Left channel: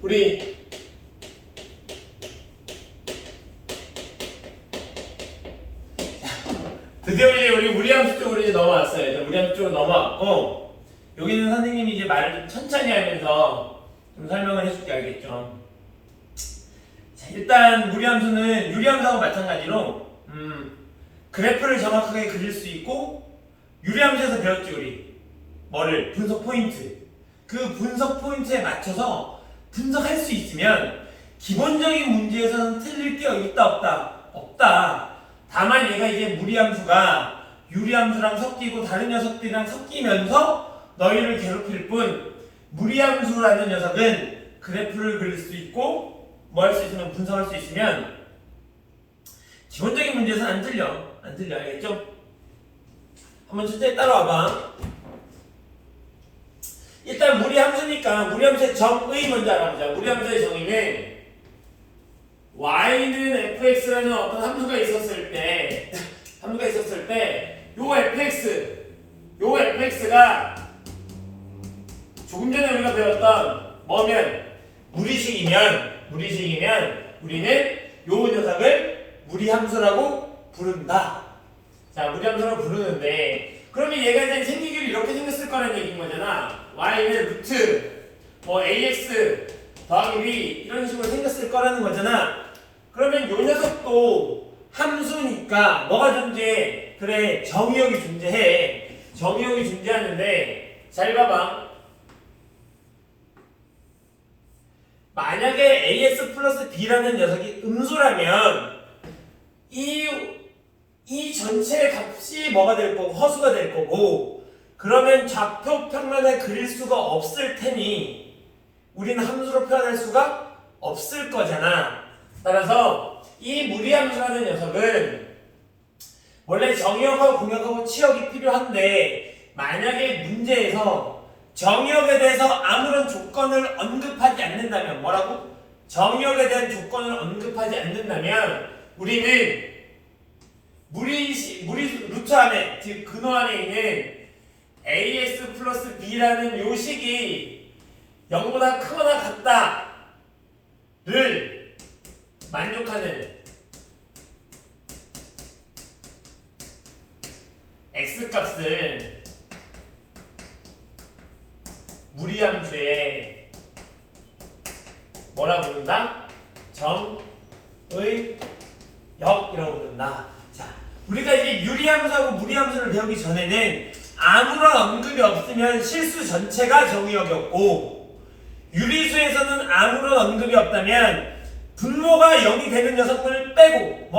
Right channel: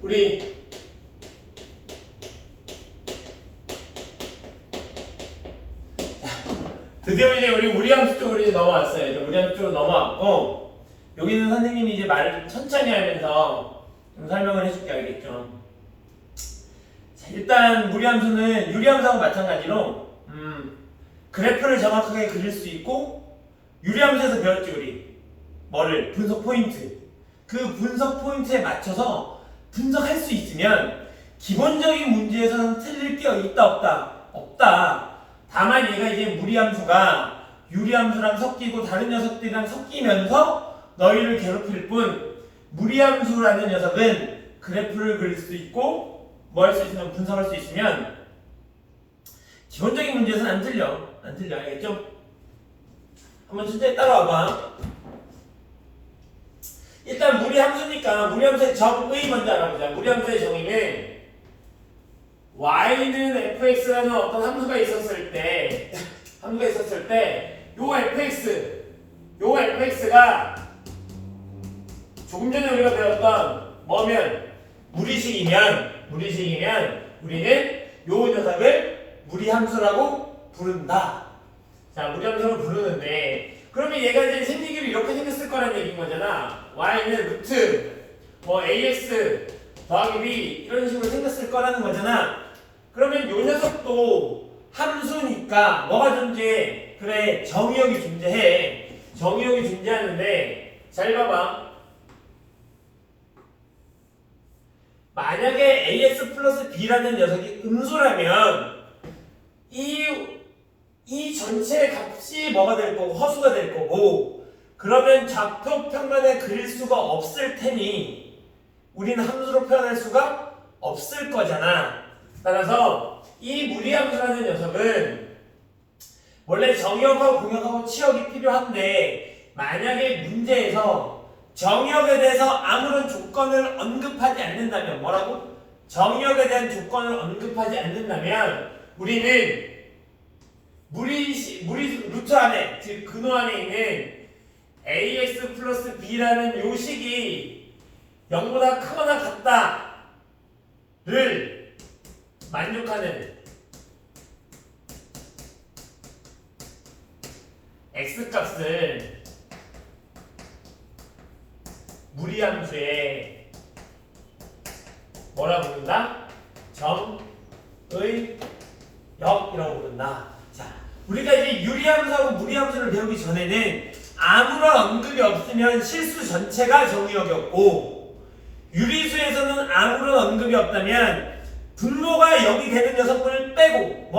우리 드디어 이제 우리 무리함수 쪽으로 이제 넘어왔어요. 이제 무리함수 쪽으로 넘어왔고 여기는 선생님이 이제 말을 좀 천천히 하면서 좀 설명을 해줄게. 알겠죠? 자, 일단 무리함수는 유리함수하고 마찬가지로 그래프를 정확하게 그릴 수 있고 유리함수에서 배웠지 우리 뭐를? 분석 포인트. 그 분석 포인트에 맞춰서 분석할 수 있으면 기본적인 문제에서는 틀릴 게 있다 없다? 없다. 다만 얘가 이제 무리함수가 유리함수랑 섞이고 다른 녀석들이랑 섞이면서 너희를 괴롭힐 뿐 무리함수라는 녀석은 그래프를 그릴 수 있고 뭐 할 수 있으면 분석할 수 있으면 기본적인 문제에서는 안 틀려. 안 틀려. 알겠죠? 한번 천천히 따라와봐. 일단 무리함수니까 무리함수의 정의 먼저 알아보자. 무리함수의 정의는 y는 fx라는 어떤 함수가 있었을 때 요 fx가 조금 전에 우리가 배웠던 뭐면 무리식이면 우리는 요 녀석을 무리함수라고 부른다. 자, 무리함수라고 부르는데 그러면 얘가 이제 생기기로 이렇게 생겼을 거라는 얘기인 거잖아. y는 루트 뭐 ax 더하기 b 이런 식으로 생겼을 거라는 거잖아. 그러면 요 녀석도 함수니까 뭐가 존재해? 그래, 정의역이 존재해. 정의역이 존재하는데 잘 봐봐. 만약에 as 플러스 b라는 녀석이 음수라면 이 전체의 값이 뭐가 될 거고 허수가 될 거고 그러면 좌표 평면을 그릴 수가 없을 테니 우리는 함수로 표현할 수가 없을 거잖아. 따라서 이 무리함수라는 녀석은 원래 정의역하고 공역하고 치역이 필요한데 만약에 문제에서 정의역에 대해서 아무런 조건을 언급하지 않는다면 뭐라고? 정의역에 대한 조건을 언급하지 않는다면 우리는 무리 루트 안에 즉 근호 안에 있는 as 플러스 b라는 요 식이 0보다 크거나 같다를 만족하는 x값을 무리함수에 뭐라 부른다? 정의역이라고 부른다. 자, 우리가 이제 유리함수하고 무리함수를 배우기 전에는 아무런 언급이 없으면 실수 전체가 정의역이었고 유리수에서는 아무런 언급이 없다면 분모가 0이 되는 녀석을 빼고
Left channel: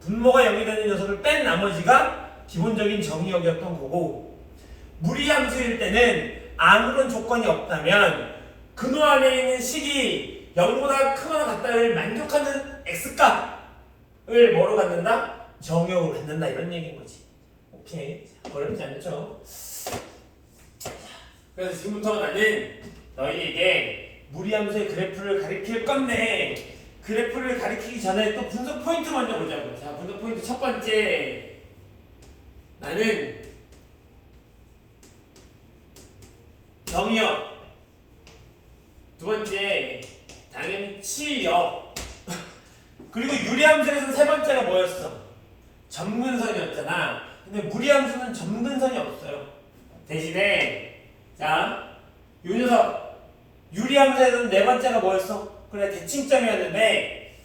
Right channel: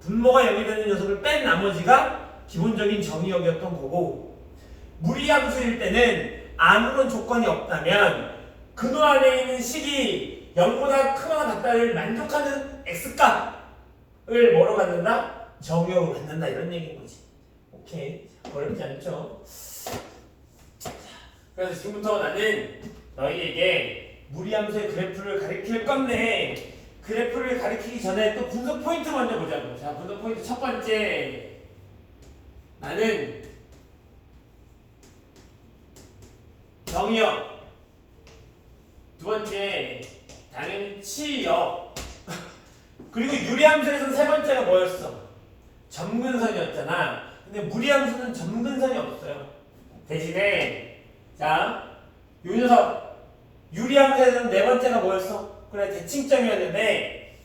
분모가 0이 되는 녀석을 뺀 나머지가 기본적인 정의역이었던 거고 무리함수일 때는 아무런 조건이 없다면 근호 안에 있는 식이 0보다 크거나 같다를 만족하는 x값을 뭐로 갖는다? 정의역으로 갖는다 이런 얘기인 거지. 오케이. 어렵지 않죠? 그래서 지금부터 나는 너희에게 무리함수의 그래프를 가리킬 건데 그래프를 가리키기 전에 또 분석 포인트 먼저 보자고. 자, 분석 포인트 첫 번째 나는 정의역 두 번째 당연히 치역 그리고 유리함수에서는 세 번째가 뭐였어? 점근선이었잖아. 근데 무리함수는 점근선이 없어요. 대신에 자, 요 녀석 유리함수에서는 네 번째가 뭐였어? 그래, 대칭점이었는데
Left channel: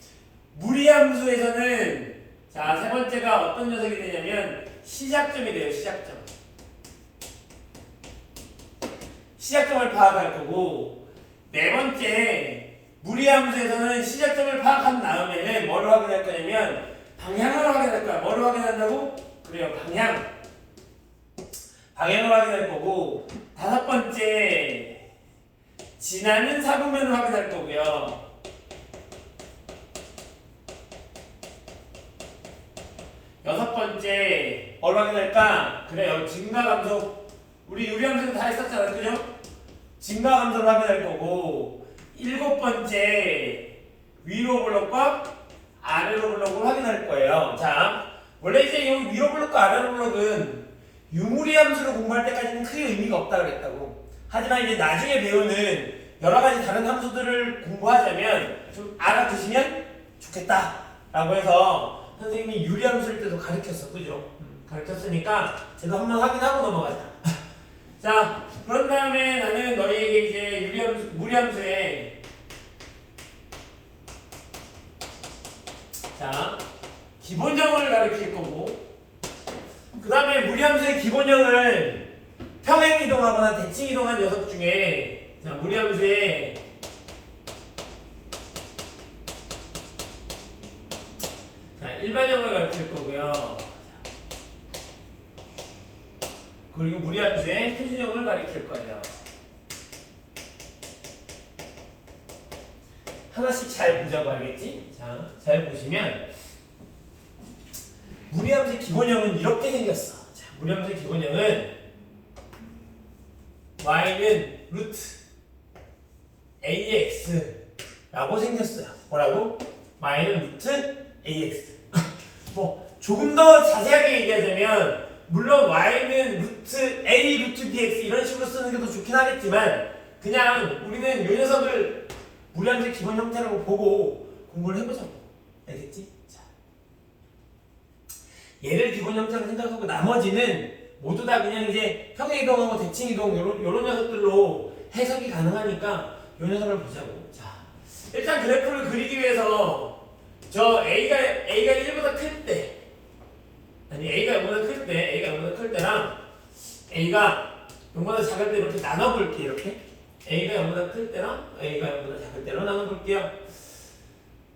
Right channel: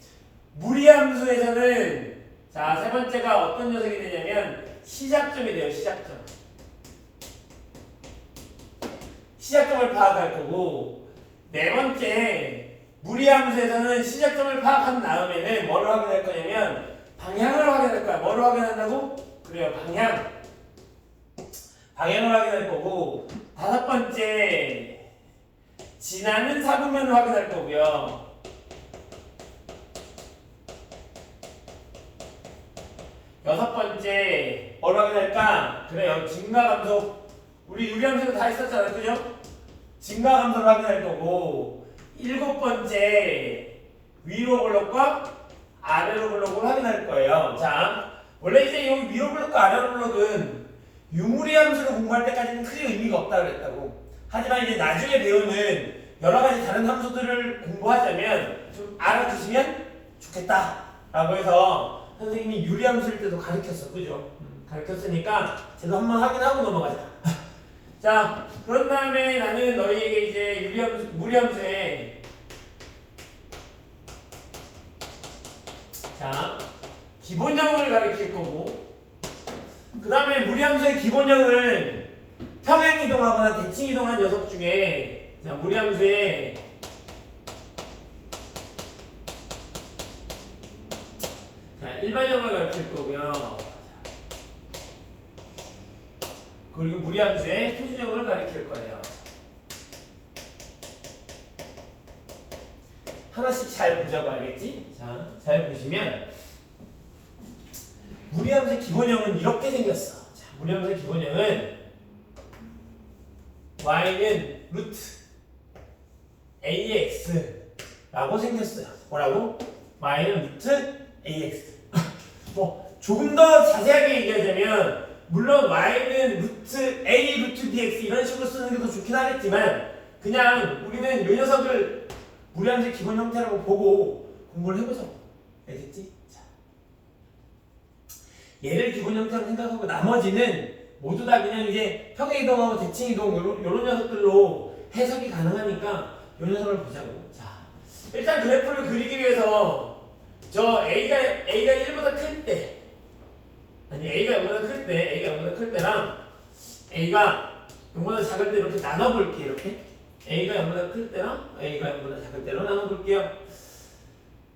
무리함수에서는 자, 세 번째가 어떤 녀석이 되냐면 시작점이 돼요. 시작점을 파악할 거고 네 번째 무리함수에서는 시작점을 파악한 다음에는 뭐를 확인할 거냐면 방향을 확인할 거야. 뭐를 확인한다고? 그래요, 방향을 확인할 거고 다섯 번째 지나는 사분면을 확인할 거고요. 여섯 번째 뭘 확인할까? 그래요, 증가감소. 우리 유리함수는 다 했었잖아요, 그죠? 증가감소를 확인할 거고 일곱 번째 위로 블록과 아래로 블록을 확인할 거예요. 자, 원래 이제 이 위로 블록과 아래로 블록은 유무리함수를 공부할 때까지는 크게 의미가 없다 그랬다고. 하지만 이제 나중에 배우는 여러 가지 다른 함수들을 공부하자면 좀 알아두시면 좋겠다라고 해서 선생님이 유리함수일 때도 가르쳤어, 그죠? 가르쳤으니까 제가 한번 확인하고 넘어가자. 자, 그런 다음에 나는 너희에게 이제 유리함수, 무리함수에 자 기본형을 가르칠 거고, 그 다음에 무리함수의 기본형을 평행이동하거나 대칭이동한 녀석 중에 자 무리함수의 자 일반형을 가르칠 거고요. 그리고 무리함수의 표준형을 가르칠 거예요. 하나씩 잘 보자고 알겠지? 자, 잘 보시면 무리함수의 기본형은 이렇게 생겼어. 자, 무리함수의 기본형은 y는 루트 ax라고 생겼어요. 뭐라고? y는 루트 ax. 뭐 조금 더 자세하게 얘기하자면 물론 y는 루트 a 루트 bx 이런 식으로 쓰는 게 더 좋긴 하겠지만 그냥 우리는 이 녀석을 무리함수의 기본 형태라고 보고 공부를 해보자고. 알겠지? 자, 얘를 기본 형태로 생각하고 나머지는 모두 다 그냥 이제 평행이동하고 대칭이동 요런 녀석들로 해석이 가능하니까 요 녀석을 보자고. 자, 일단 그래프를 그리기 위해서 저 A가 1보다 클 때, 아니 A가 0보다 클 때, A가 0보다 클 때랑 A가 0보다 작을 때 이렇게 나눠볼게. 이렇게 A가 0보다 클 때랑 A가 0보다 작을 때로 나눠볼게요.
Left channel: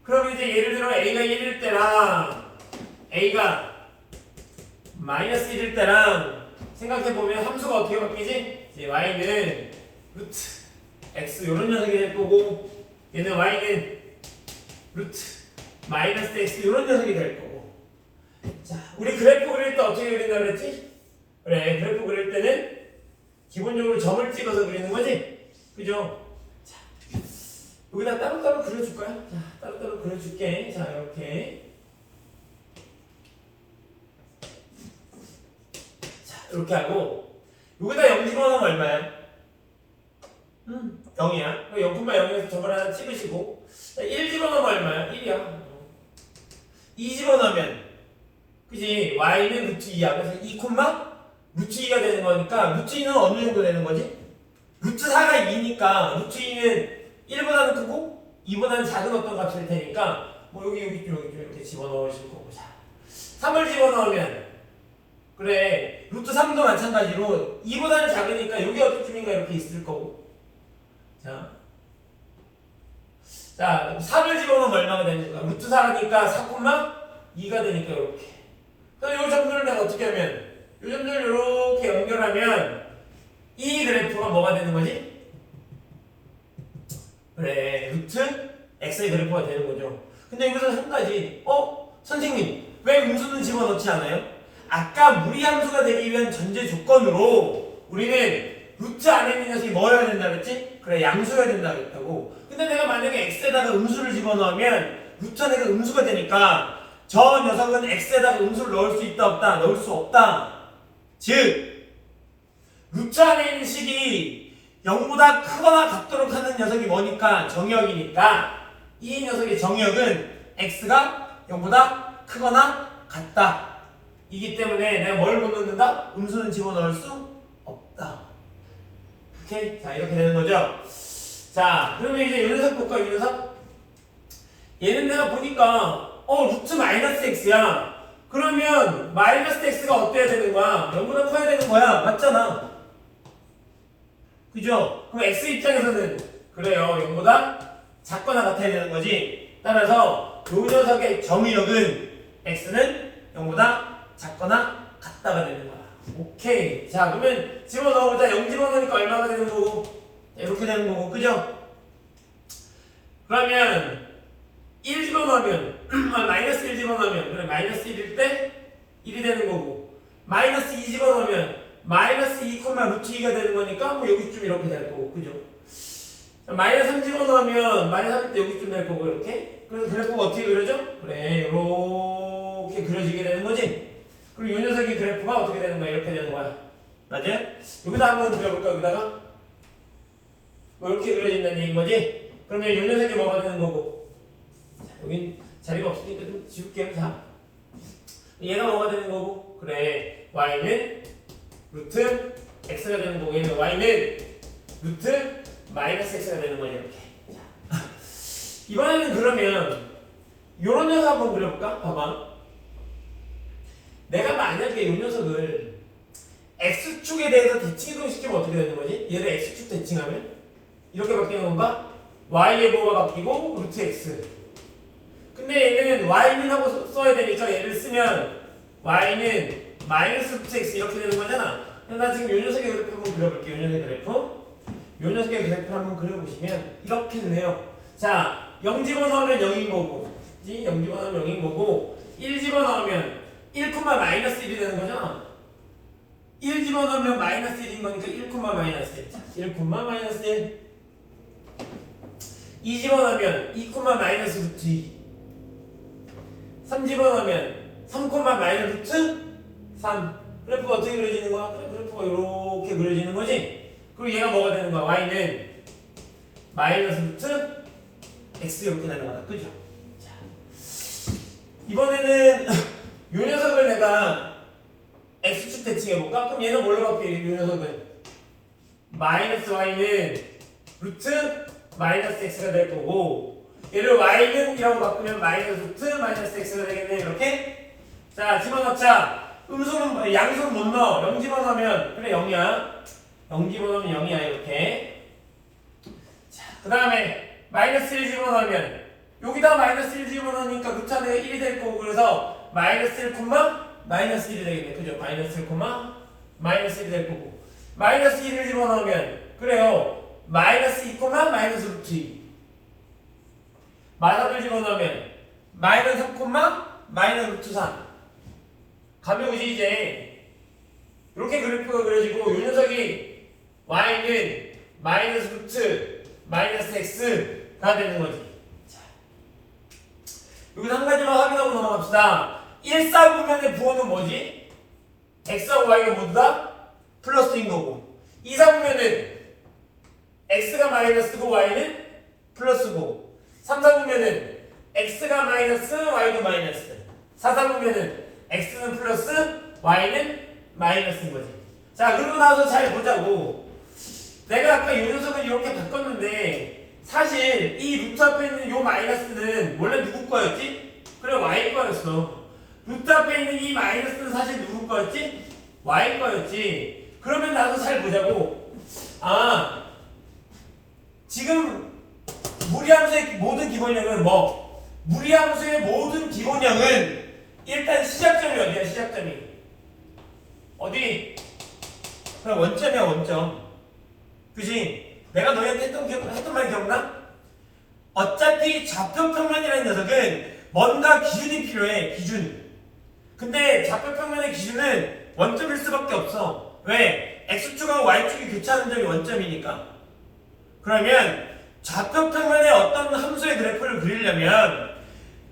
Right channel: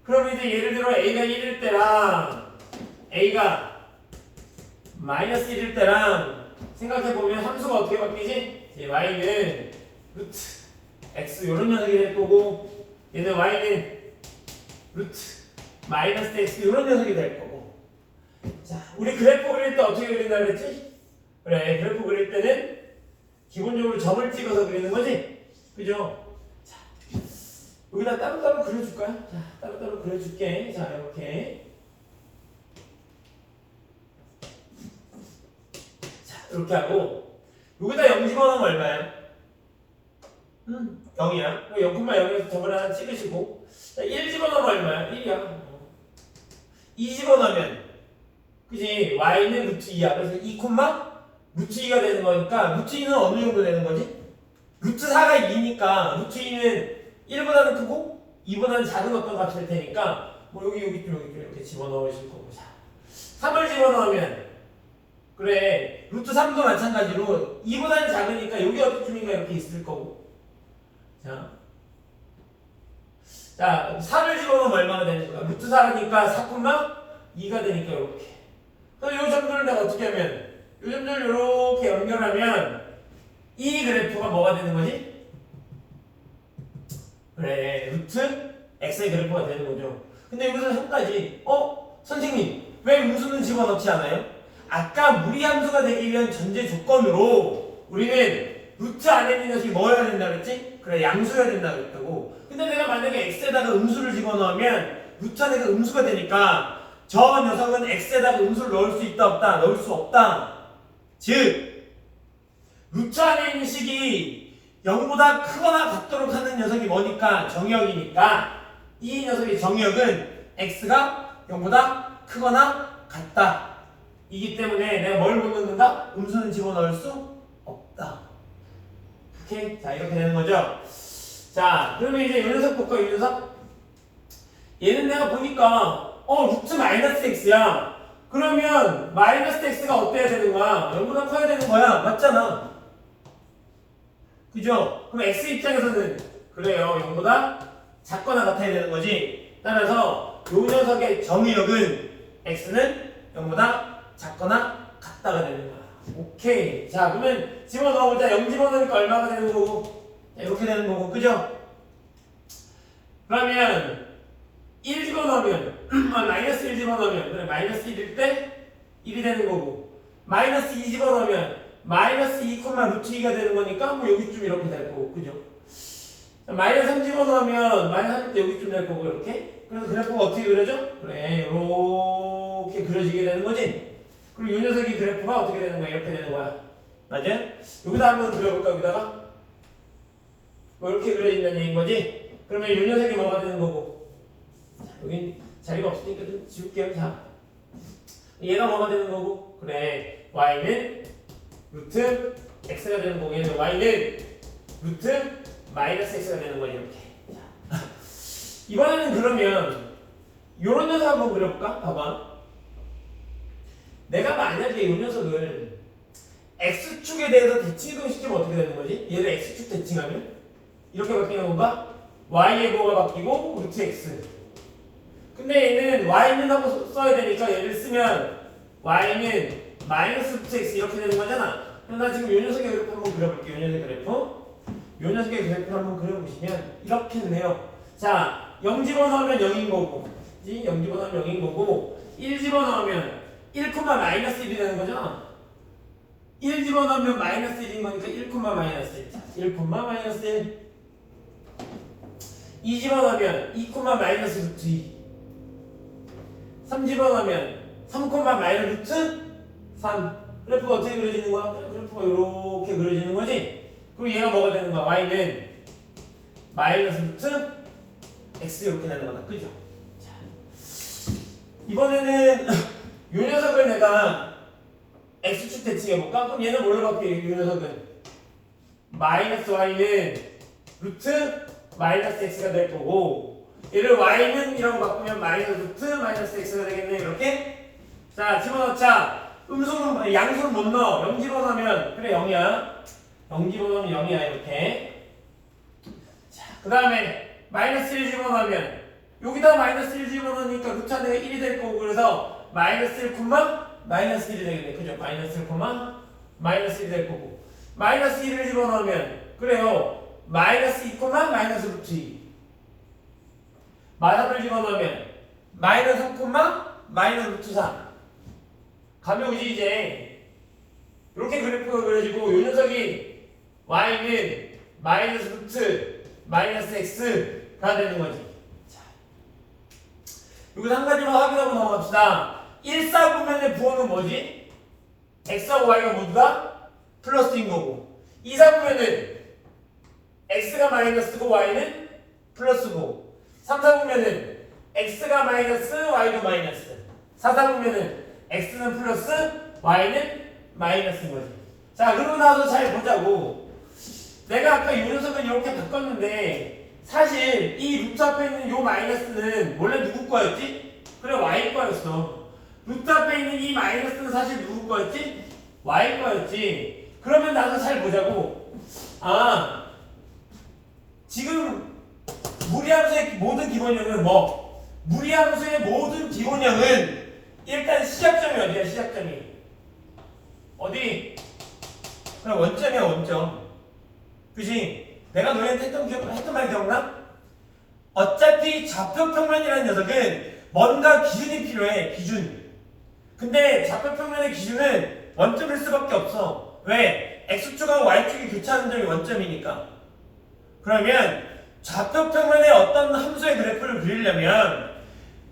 그럼 이제 예를 들어 A가 1일 때랑 A가 마이너스 1일 때랑 생각해보면 함수가 어떻게 바뀌지? 이제 y는 루트 x 요런 녀석이 될 거고, 얘는 y는 루트 마이너스 x 요런 녀석이 될 거고. 자, 우리 그래프 그릴 때 어떻게 그린다 그랬지? 그래, 그래프 그릴 때는 기본적으로 점을 찍어서 그리는 거지? 그죠? 자, 여기다 따로따로 그려줄까요? 자, 따로따로 그려줄게. 자, 이렇게. 이렇게 하고 여기다 0 집어넣으면 얼마야? 0이야. 0,0에서 점을 하나 찍으시고 1 집어넣으면 얼마야? 1이야. 2 집어넣으면 그지? y는 루트 2야. 그래서 2, 루트 2가 되는 거니까 루트 2는 어느 정도 되는 거지? 루트 4가 2니까 루트 2는 1보다는 크고 2보다는 작은 어떤 값이 될 테니까 뭐 여기 좀 이렇게 집어넣으실 거고. 자, 3을 집어넣으면 그래, 루트 3도 마찬가지로 2보다는 작으니까 여기 어디쯤인가 이렇게 있을 거고. 자, 4를 집어넣으면 얼마가 되는 거야? 루트 4니까 4,2가 되니까 이렇게. 그래서 이 점들을 내가 어떻게 하면 이 점들을 이렇게 연결하면 이 그래프가 뭐가 되는 거지? 그래, 루트 x의 그래프가 되는 거죠. 근데 여기서 한 가지, 선생님 왜 음수는 집어넣지 않아요? 아까 무리함수가 되기 위한 전제 조건으로 우리는 루트 안에 있는 녀석이 뭐여야 된다 그랬지? 그래, 양수여야 된다 그랬다고. 근데 내가 만약에 x에다가 음수를 집어넣으면 루트 안에가 음수가 되니까 저 녀석은 x에다가 음수를 넣을 수 있다 없다? 넣을 수 없다. 즉 루트 안에 있는 식이 0보다 크거나 같도록 하는 녀석이 뭐니까? 정역이니까 이 녀석의 정역은 x가 0보다 크거나 같다 이기 때문에 내가 뭘 못 넣는다? 음수는 집어넣을 수 없다. 오케이? 자, 이렇게 되는 거죠. 자, 그러면 이제 이 녀석 볼까요? 이 녀석? 얘는 내가 보니까 루트 마이너스 x야. 그러면 마이너스 x가 어때야 되는 거야? 0보다 커야 되는 거야. 맞잖아. 그죠? 그럼 x 입장에서는 그래요. 0보다 작거나 같아야 되는 거지. 따라서 이 녀석의 정의역은 x는 0보다 작거나 같다가 되는 거야. 오케이. 자, 그러면 집어넣어보자. 0 집어넣으니까 얼마가 되는 거고? 이렇게 되는 거고, 그죠? 그러면 1 집어넣으면 마이너스 1 집어넣으면 그래 마이너스 1일 때 1이 되는 거고, 마이너스 2 집어넣으면 마이너스 2, 루트 2가 되는 거니까 뭐 여기쯤 이렇게 될 거고, 그죠? 마이너스 3 집어넣으면 마이너스 3때 여기쯤 될 거고, 이렇게. 그래서 그래프가 어떻게 그려져? 그래, 이렇게 그려지게 되는 거지. 그리고 이 녀석의 그래프가 어떻게 되는 거야? 이렇게 되는 거야. 맞아요? 여기다 한번 그려볼까? 뭐 이렇게 그려진다는 얘기인 거지? 그러면 요 녀석이 뭐가 되는 거고? 자, 여긴 자리가 없으니까 좀 지울게요. 자, 얘가 뭐가 되는 거고? 그래, y는 루트 x가 되는 거고, 얘는 y는 루트 마이너스 x가 되는 거지, 이렇게. 자, 이번에는 그러면 요런 녀석 한번 그려볼까? 봐봐. 내가 만약에 이 녀석을 x축에 대해서 대칭이동시키면 어떻게 되는 거지? 얘를 x축 대칭하면 이렇게 바뀌는 건가? y의 뭐가 바뀌고 루트 x. 근데 얘는 y는 하고 써야 되니까 얘를 쓰면 y는 마이너스 루트 x 이렇게 되는 거잖아. 그럼 나 지금 이 녀석의 그래프 한번 그려볼게요. 이 녀석의 그래프. 이 녀석의 그래프를 한번 그려보시면 이렇게 되네요. 자, 0 집어넣으면 0인 거고, 0 집어넣으면 0인 거고, 1 집어넣으면 1, 마이너스 1이 되는 거잖아. 1 집어넣으면 마이너스 1인 거니까 1, 마이너스 1. 1, 마이너스 1. 2 집어넣으면 2, 마이너스 루트 2. 3 집어넣으면 3, 마이너스 루트 3. 그래프가 어떻게 그려지는 거야? 그래프가 이렇게 그려지는 거지? 그리고 얘가 뭐가 되는 거야? y는 마이너스 루트 x 이렇게 되는 거다. 그죠? 자, 이번에는 이 녀석을 내가 x축 대칭해볼까? 그럼 얘는 뭘로 바뀌어요? 이 녀석은 마이너스 y는 루트 마이너스 x가 될 거고, 얘를 y는 이라고 바꾸면 마이너스 루트 마이너스 x가 되겠네. 이렇게. 자, 집어넣자. 음수는 양수는 못 넣어. 0 집어넣으면 그래 0이야. 0 집어넣으면 0이야. 이렇게. 자, 그 다음에 마이너스 1 집어넣으면 여기다 마이너스 1 집어넣으니까 루트 안에가 1이 될 거고, 그래서 마이너스 1, 마이너스 1이 되겠네. 그죠? 마이너스 1, 마이너스 1이 될 거고, 마이너스 1을 집어넣으면 그래요. 마이너스 2, 마이너스 루트 2. 마이너스를 집어넣으면 마이너스 3, 마이너스 루트 3. 가벼우지 이제. 이렇게 그래프가 그려지고, 이 녀석이 y는 마이너스 루트 마이너스 x가 되는 거지. 자, 여기서 한 가지만 확인하고 넘어갑시다. 1사분면의 부호는 뭐지? x하고 y가 모두 다 플러스인 거고, 2사분면은 x가 마이너스고 y는 플러스고, 3사분면은 x가 마이너스 y도 마이너스, 4사분면은 x는 플러스 y는 마이너스인 거지. 자, 그러고 나서 잘 보자고. 내가 아까 이 녀석을 이렇게 바꿨는데 사실 이 루트 앞에 있는 이 마이너스는 원래 누구 거였지? 그래, y 거였어. 루트 앞에 있는 이 마이너스는 사실 누구 거였지? y 거였지. 그러면 나도 잘 보자고. 아, 지금 무리함수의 모든 기본형은 뭐? 무리함수의 모든 기본형은 일단 시작점이 어디야? 시작점이 어디? 그럼 원점이야, 원점. 그지? 내가 너희한테 했던 말 기억나? 어차피 좌표평면이라는 녀석은 뭔가 기준이 필요해. 기준. 근데 좌표평면의 기준은 원점일 수밖에 없어. 왜? x축하고 y축이 교차하는 점이 원점이니까. 그러면 좌표평면의 어떤 함수의 그래프를 그리려면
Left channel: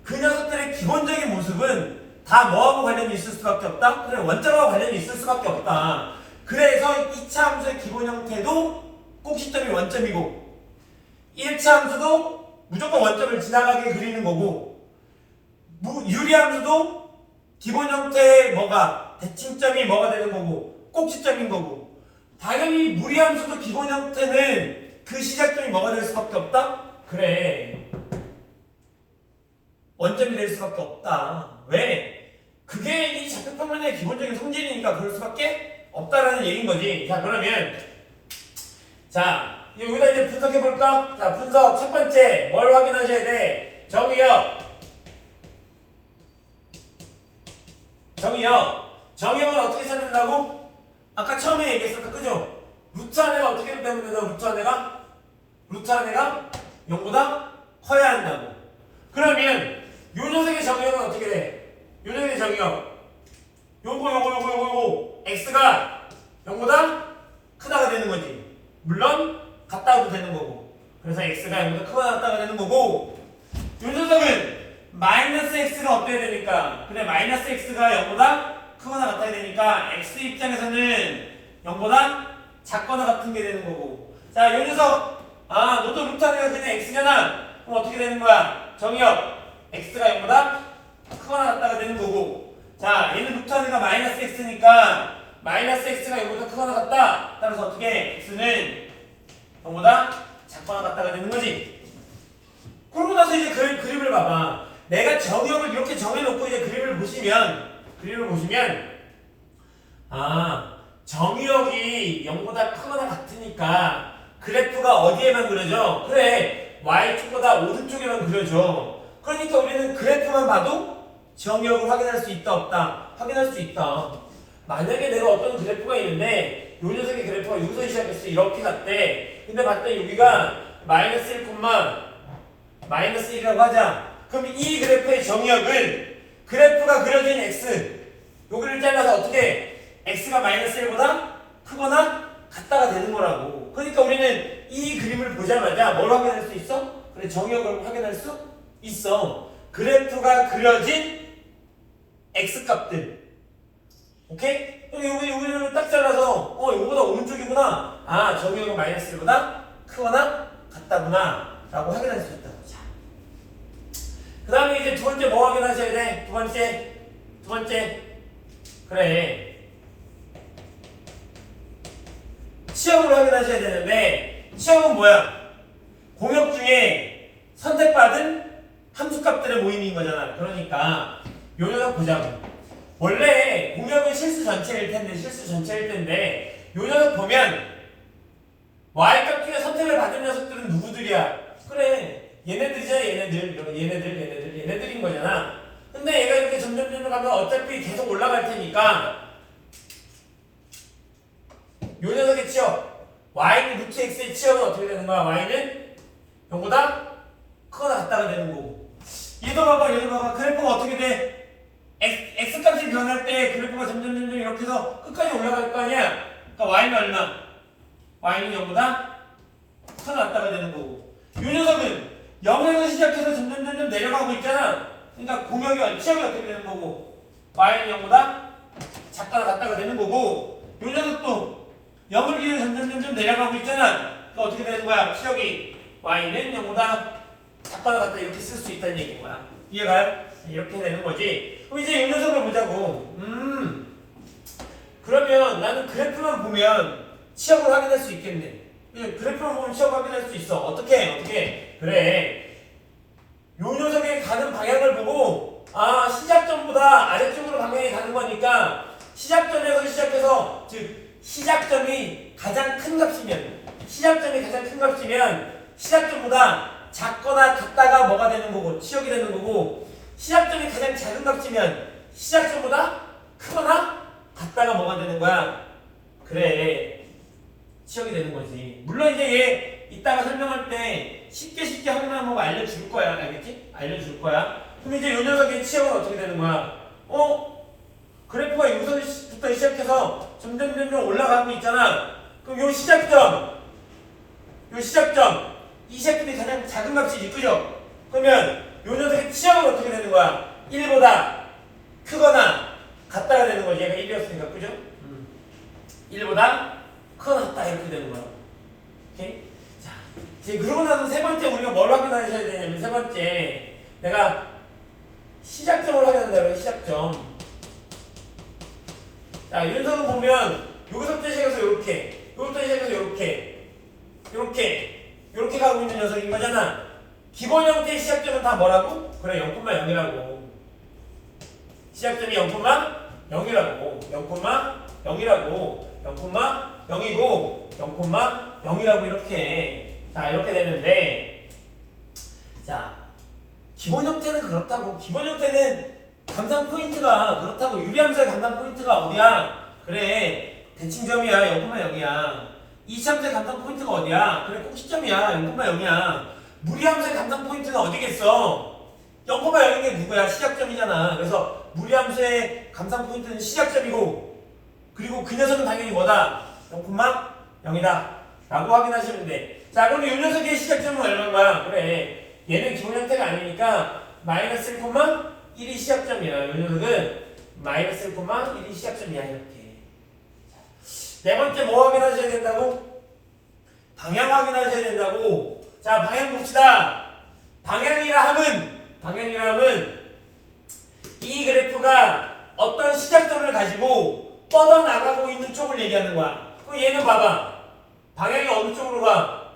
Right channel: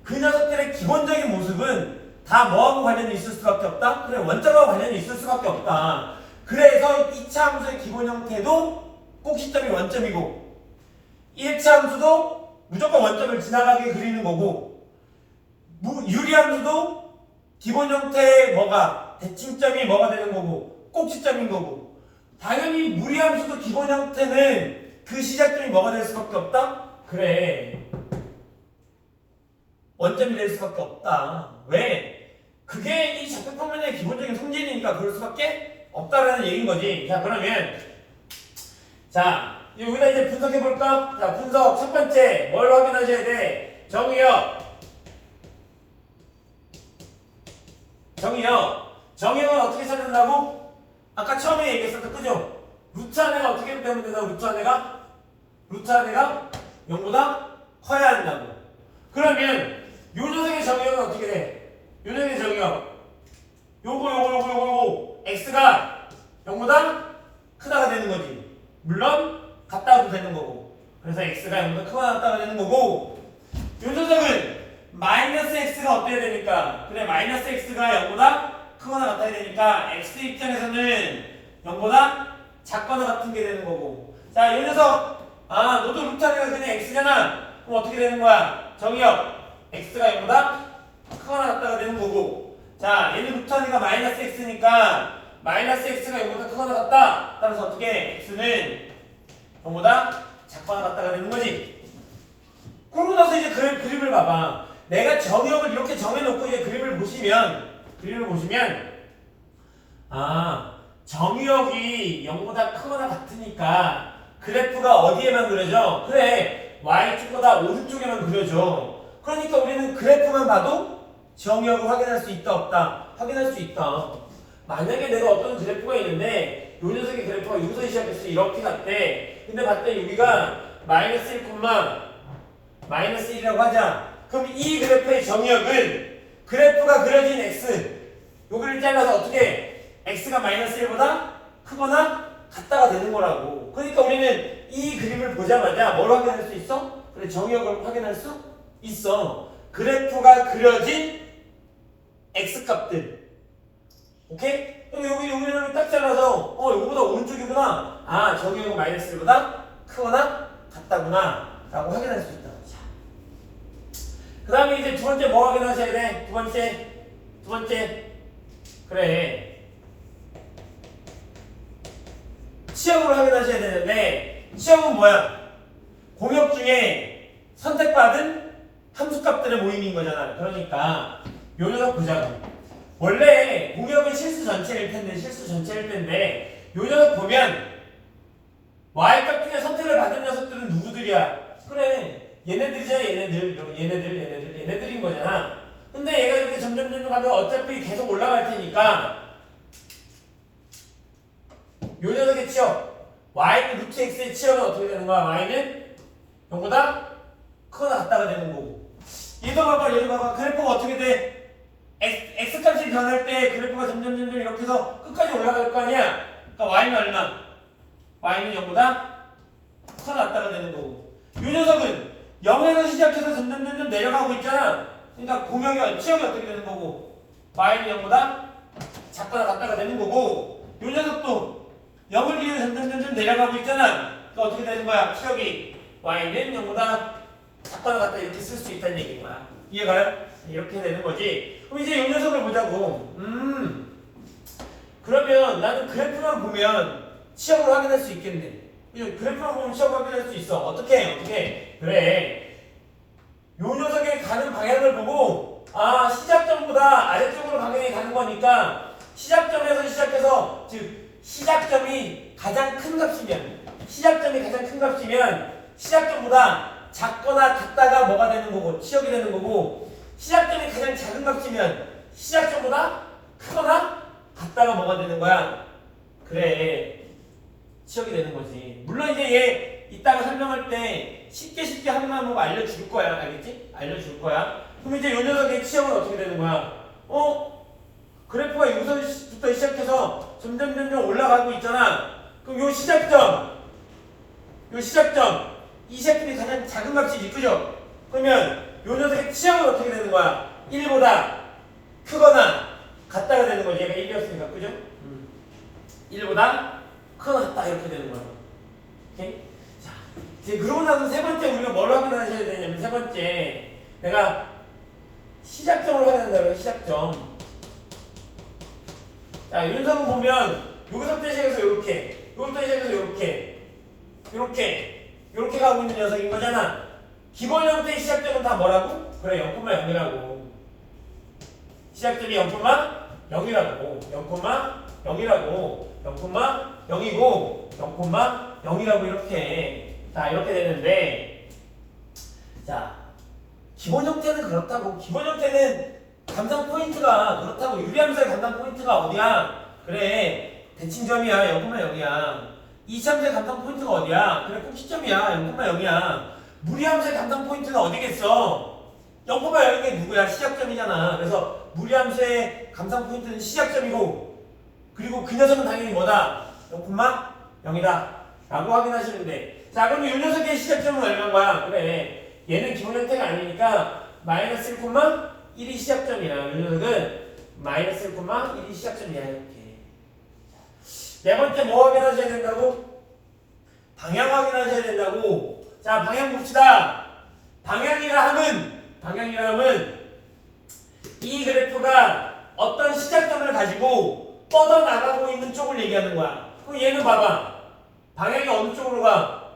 그 녀석들의 기본적인 모습은 다 뭐하고 관련이 있을 수밖에 없다? 그래, 원점하고 관련이 있을 수밖에 없다. 그래서 2차 함수의 기본 형태도 꼭 시점이 원점이고, 1차 함수도 무조건 원점을 지나가게 그리는 거고, 유리함수도 기본 형태의 뭐가 대칭점이 뭐가 되는 거고 꼭 시점인 거고, 당연히 무리함수도 기본 형태는 그 시작점이 뭐가 될 수밖에 없다? 그래, 원점이 될 수밖에 없다. 왜? 그게 이 좌표평면의 기본적인 성질이니까 그럴 수밖에 없다라는 얘기인 거지. 자, 그러면 자, 여기다 이제 분석해 볼까? 자, 분석 첫 번째 뭘 확인하셔야 돼? 정의역. 정의역은 어떻게 찾는다고? 아까 처음에 얘기했었다, 그죠? 루트 안에가 어떻게 되면 된다고? 루트 안에가 0보다 커야 한다고. 그러면 요 녀석의 정의역은 어떻게 돼? 요 녀석의 정의역 요거 x가 0보다 크다가 되는 거지. 물론 같다도 되는 거고, 그래서 x가 0보다 크거나 같다가 되는 거고, 요 녀석은 마이너스 x가 어때야 되니까? 그래, 마이너스 x가 0보다 크거나 같아야 되니까 x 입장에서는 0보다 작거나 같은 게 되는 거고. 자, 요 녀석 아, 너도 루트 안에가 그냥 x잖아. 그럼 어떻게 되는 거야? 정의역 x가 0보다 크거나 같다가 되는 거고. 자, 얘는 루트 안에가 마이너스 x니까 마이너스 x가 0보다 크거나 같다. 따라서 어떻게 x는 0보다 작거나 같다가 되는 거지. 그러고 나서 이제 그림을 봐봐. 내가 정의역을 이렇게 정해놓고 이제 그림을 보시면 아, 정의역이 0보다 크거나 같으니까 그래프가 어디에만 그려져? 그래, y축보다 오른쪽에만 그려져. 그러니까 우리는 그래프만 봐도 정의역을 확인할 수 있다 없다? 확인할 수 있다. 만약에 내가 어떤 그래프가 있는데 요 녀석의 그래프가 여기서 시작했어. 이렇게 갔대. 근데 봤더니 여기가 마이너스 1, 마이너스 1이라고 하자. 그럼 이 그래프의 정의역은 그래프가 그려진 x 여기를 잘라서 어떻게 x가 마이너스 1보다 크거나 같다가 되는 거라고. 그러니까 우리는 이 그림을 보자마자 뭘 확인할 수 있어? 그래, 정의역을 확인할 수 있어. 그래프가 그려진 x값들. 오케이? 여기를 딱 잘라서 이거보다 오른쪽이구나. 아, 정의역은 마이너스 1보다 크거나 같다구나 라고 확인할 수 있다고. 자, 그 다음에 이제 두 번째 뭐 확인하셔야 돼? 두 번째 그래, 시험을 확인하셔야 되는데 시험은 뭐야? 공역 중에 선택받은 함수값들의 모임인 거잖아. 그러니까 요 녀석 보자고. 원래 공역은 실수 전체일 텐데 요 녀석 보면 y값 중에 선택을 받은 녀석들은 누구들이야? 그래, 얘네들인 거잖아. 근데 얘가 이렇게 점점 가면 어차피 계속 올라갈 테니까 요 녀석의 치역 y는 루트 x의 치역은 어떻게 되는 거야? y는 0보다 크거나 같다가 되는 거고. 얘도 봐봐. 그래프가 어떻게 돼? x값이 변할 때 그래프가 점점 이렇게 해서 끝까지 올라갈 거 아니야? 그러니까 y는 얼마? y는 0보다 크거나 같다가 되는 거고. 요 녀석은 0에서 시작해서 점점 내려가고 있잖아. 그러니까 공역이 치역이 어떻게 되는 거고, y는 0보다 작거나 같다가 되는 거고. 요 녀석도 0을 기준으로 점점 내려가고 있잖아. 그러니까 어떻게 되는 거야? 치역이 y는 0보다 작거나 같다 이렇게 쓸 수 있다는 얘기인 거야. 이해가요? 이렇게 되는 거지. 그럼 이제 이 녀석을 보자고. 그러면 나는 그래프만 보면 치역을 확인할 수 있겠네. 그래프만 보면 치역을 확인할 수 있어. 어떻게? 그래, 요 녀석의 가는 방향을 보고 아, 시작점보다 아래쪽으로 방향이 가는 거니까 시작점에서 시작해서, 즉 시작점이 가장 큰 값이면 시작점보다 작거나 같다가 뭐가 되는 거고, 치역이 되는 거고, 시작점이 가장 작은 값이면 시작점보다 크거나 같다가 뭐가 되는 거야? 그래, 치역이 되는 거지. 물론 이제 얘 이따가 설명할 때 쉽게 하나만 뭐 알려줄 거야. 알겠지? 알려줄 거야. 그럼 이제 요 녀석의 치역은 어떻게 되는 거야? 그래프가 여기서부터 시작해서 점점 올라가고 있잖아. 그럼 요 시작점, 이 시작점이 가장 작은 값이지, 그죠? 그러면 요 녀석의 치역은 어떻게 되는 거야? 1보다 크거나 같다가 되는 거지. 얘가 1이었으니까, 그죠? 1보다 크거나 같다 이렇게 되는 거야. 오케이? 자, 이제 그러고 나서 세 번째 우리가 뭘 확인하셔야 되냐면, 세 번째 내가 시작점을 확인한다고요. 시작점. 자, 윤석을 보면 여기서부터 시작해서 이렇게, 여기부터 시작해서 이렇게 가고 있는 녀석인 거잖아. 기본 형태의 시작점은 다 뭐라고? 그래, 0,0이라고. 시작점이 0,0이라고. 0,0이고 0,0이고 이렇게. 자, 이렇게 되는데, 자, 기본 형태는 그렇다고. 기본 형태는 감상 포인트가 그렇다고. 유리함수의 감상 포인트가 어디야? 그래, 대칭점이야. 0,0이야. 이차함수의 감상 포인트가 어디야? 그래, 꼭 시점이야. 0,0이야. 무리함수의 감상 포인트는 어디겠어? 0,0인 게 누구야? 시작점이잖아. 그래서 무리함수의 감상 포인트는 시작점이고, 그리고 그 녀석은 당연히 뭐다? 0,0이다 라고 확인하시면 돼. 자, 그럼 이 녀석의 시작점은 얼마인 거야? 그래, 얘는 기본 형태가 아니니까 마이너스 1,1이 시작점이야. 이 녀석은 마이너스 1,1이 시작점이야. 이렇게. 네 번째 뭐 확인하셔야 된다고? 방향 확인하셔야 된다고. 자, 방향 봅시다. 방향이라 함은 이 그래프가 어떤 시작점을 가지고 뻗어나가고 있는 쪽을 얘기하는 거야. 그럼 얘는 봐봐. 방향이 어느 쪽으로 가?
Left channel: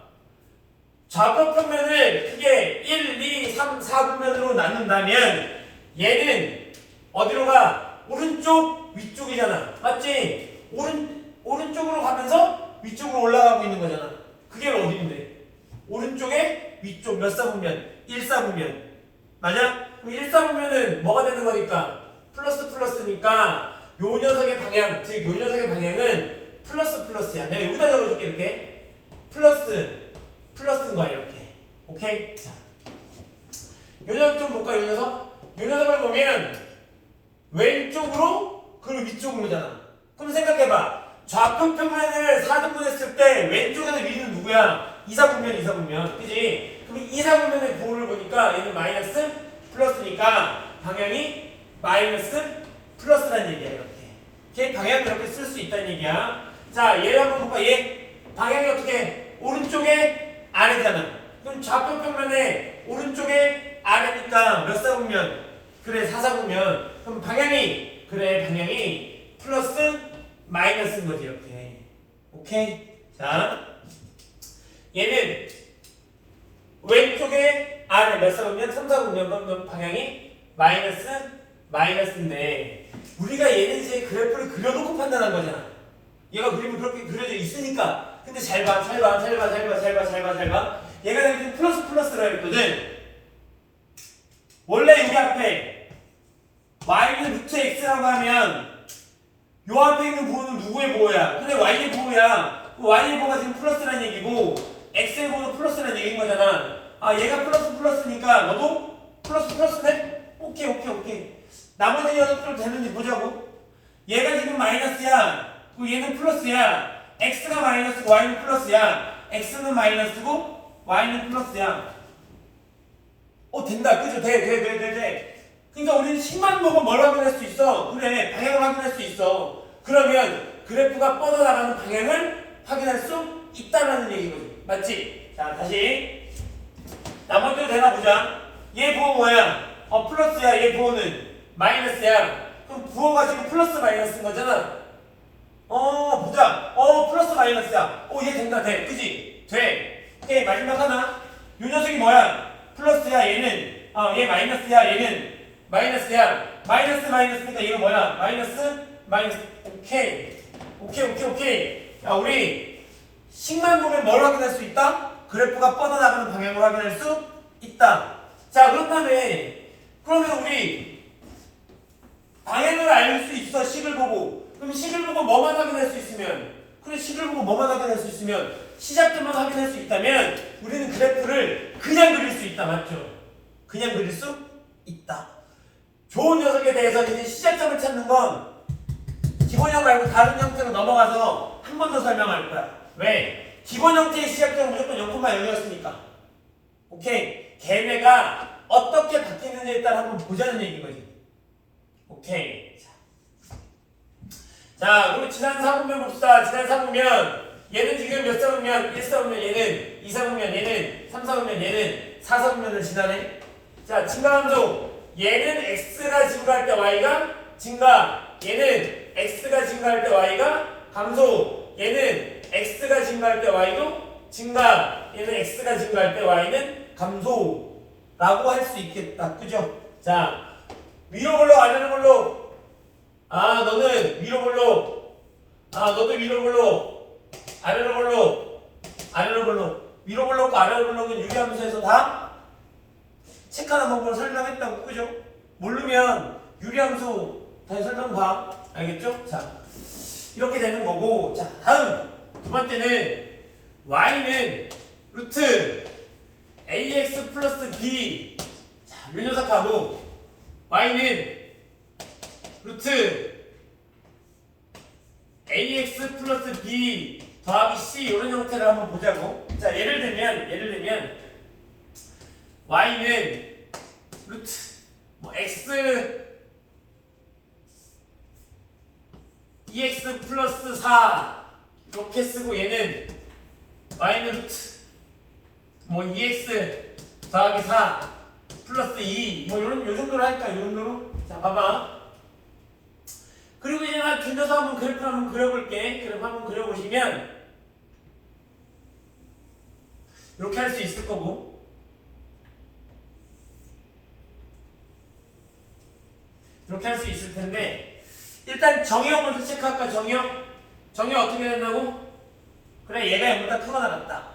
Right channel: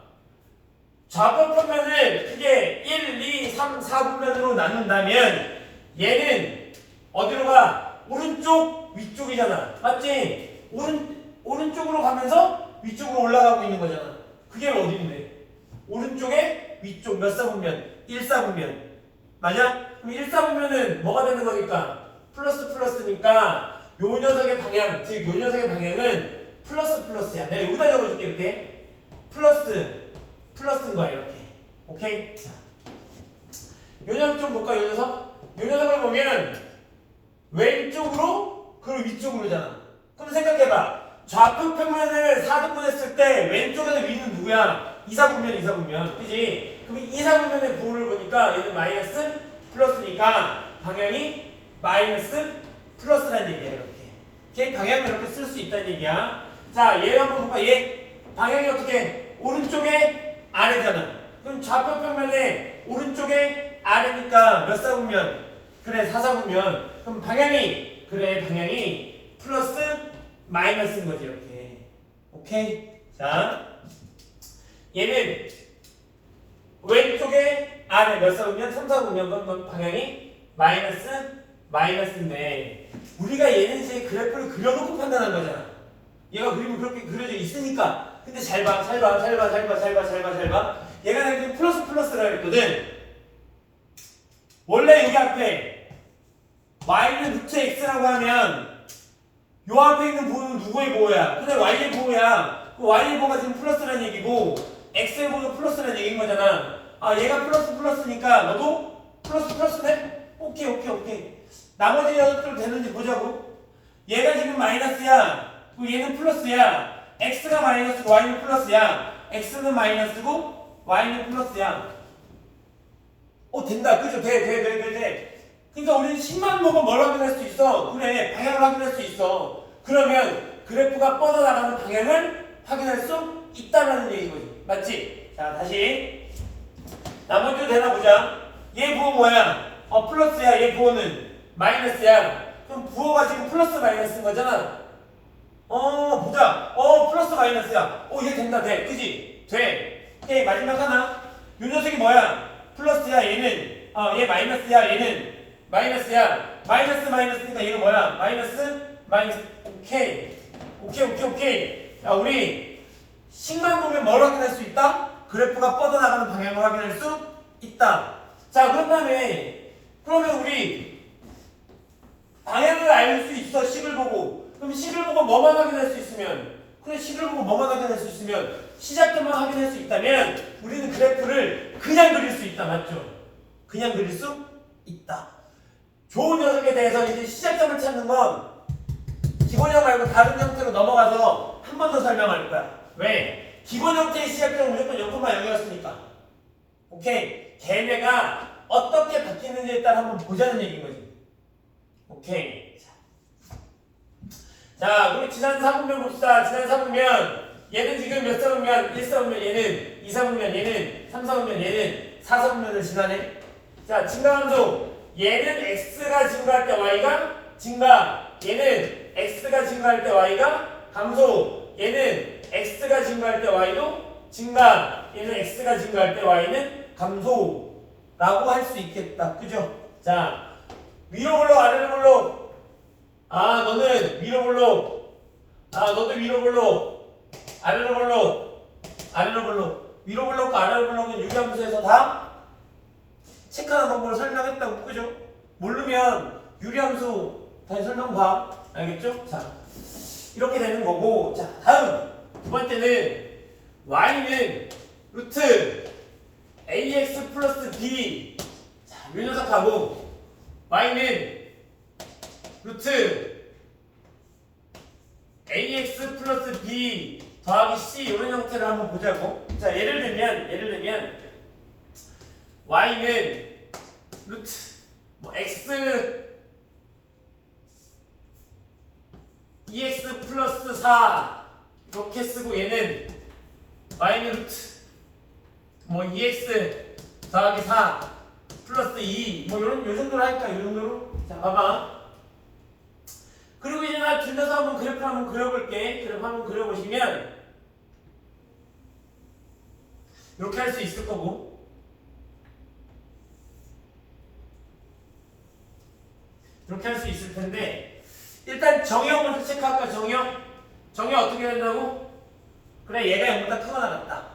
좌표평면을 크게 1, 2, 3, 4분면으로 나눈다면 얘는 어디로 가? 오른쪽, 위쪽이잖아. 맞지? 오른쪽으로 가면서 위쪽으로 올라가고 있는 거잖아. 그게 어디인데? 오른쪽에 위쪽 몇 사분면? 1사분면. 맞아? 그럼 1사분면은 뭐가 되는 거니까? 플러스니까 요 녀석의 방향, 즉 요 녀석의 방향은 플러스야. 내가 여기다 적어줄게. 이렇게 플러스인 거야. 이렇게. 오케이? 자, 요 녀석 좀 볼까? 요 녀석을 보면 왼쪽으로 그리고 위쪽으로잖아. 그럼 생각해봐. 좌표 평면을 4등분 했을 때 왼쪽에서 위는 누구야? 2사분면. 그지? 그럼 2사분면의 부호를 보니까 얘는 마이너스 플러스니까 방향이 마이너스 플러스라는 얘기야. 이렇게. 걔 방향을 이렇게 쓸 수 있다는 얘기야. 자, 얘를 한번 볼까? 얘 방향이 어떻게? 오른쪽에 아래잖아. 그럼 좌표 평면에 오른쪽에 아래니까 몇 사분면? 그래, 4사분면. 그럼 방향이 플러스 마이너스인 거지. 이렇게. 오케이? 자, 얘는 왼쪽에 아래 몇 사분면? 3사분면. 그럼 방향이 마이너스인데 우리가 얘는 이제 그래프를 그려놓고 판단한 거잖아. 얘가 그림이 그렇게 그려져 있으니까. 근데 잘 봐. 얘가 여기 플러스라 그랬거든. 원래 여기 앞에 y는 루트 x라고 하면 요 앞에 있는 부호는 누구의 부호야? 그래, y의 부호야. 그 y의 부호가 지금 플러스라는 얘기고 x의 부호도 플러스라는 얘기인 거잖아. 아, 얘가 플러스니까 너도 플러스네? 오케이. 나머지 녀석들 되는지 보자고. 얘가 지금 마이너스야. 그리고 얘는 플러스야. x가 마이너스고 y는 플러스야. x는 마이너스고 y는 플러스야. 된다. 그죠? 돼. 그러니까 우리는 식만 보고 뭘 확인할 수 있어? 그래, 방향을 확인할 수 있어. 그러면 그래프가 뻗어나가는 방향을 확인할 수 있다는 얘기거지. 맞지? 자, 다시 나머지도 되나 보자. 얘 부호 뭐야? 플러스야. 얘 부호는 마이너스야. 그럼 부호가 지금 플러스 마이너스인 거잖아. 보자. 플러스 마이너스야. 얘 된다. 돼. 그지? 돼. 오케이, 마지막 하나. 요 녀석이 뭐야? 플러스야. 얘는 얘 마이너스야. 얘는 마이너스야. 마이너스니까 얘가 뭐야? 마이너스. 오케이. 야, 우리 식만 보면 뭘 확인할 수 있다? 그래프가 뻗어나가는 방향을 확인할 수 있다. 자, 그러면 우리 방향을 알 수 있어. 식을 보고. 그럼 식을 보고 뭐만 확인할 수 있으면? 그래, 식을 보고 뭐만 확인할 수 있으면? 시작점만 확인할 수 있다면 우리는 그래프를 그냥 그릴 수 있다. 맞죠? 그냥 그릴 수 있다. 좋은 녀석에 대해서 이제 시작점을 찾는 건 기본형 말고 다른 형태로 넘어가서 한 번 더 설명할 거야. 왜? 기본 형태의 시작점은 무조건 0,0이었으니까. 오케이? 걔네가 어떻게 바뀌는지에 따라 한번 보자는 얘기인 거지. 오케이. 자, 그리고 지난 4분면 봅시다. 지난 4분면 얘는 지금 몇 사분면? 1사분면, 얘는 2사분면, 얘는 3사분면, 얘는 4사분면을 지나네. 자, 증가함수. 얘는 x가 증가할 때 y가 증가. 얘는 x가 증가할 때 y가 감소. 얘는 x가 증가할 때 y도 증가. 얘는 x가 증가할 때 y는 감소라고 할 수 있겠다. 그죠? 자, 위로 볼록 아래로 볼록. 너는 위로 볼록. 너도 위로 볼록. 아래로 볼록. 위로 볼록과 아래로 볼록은 유리함수에서 다 체크하는 방법을 설명했다고. 그죠? 모르면 유리함수 다시 설명 봐. 알겠죠? 자, 이렇게 되는 거고. 자, 다음 두 번째는 y는 루트 ax 플러스 b. 자, 요 녀석하고 y는 루트 ax 플러스 b 더하기 c 이런 형태를 한번 보자고. 자, 예를 들면 y는 루트 x 2x 플러스 4 이렇게 쓰고 얘는 y는 루트 뭐 2x 더하기 4 플러스 2 뭐 요 정도로 할까? 요 정도로? 자 봐봐. 그리고 이제 나 준다서 한번 그래프 한번 그려볼게. 그래프 한번 그려보시면 이렇게 할 수 있을 거고 이렇게 할 수 있을 텐데 일단 정의형부터 체크할까? 정의형 어떻게 된다고? 그래 얘가 0보다 크거나 같다.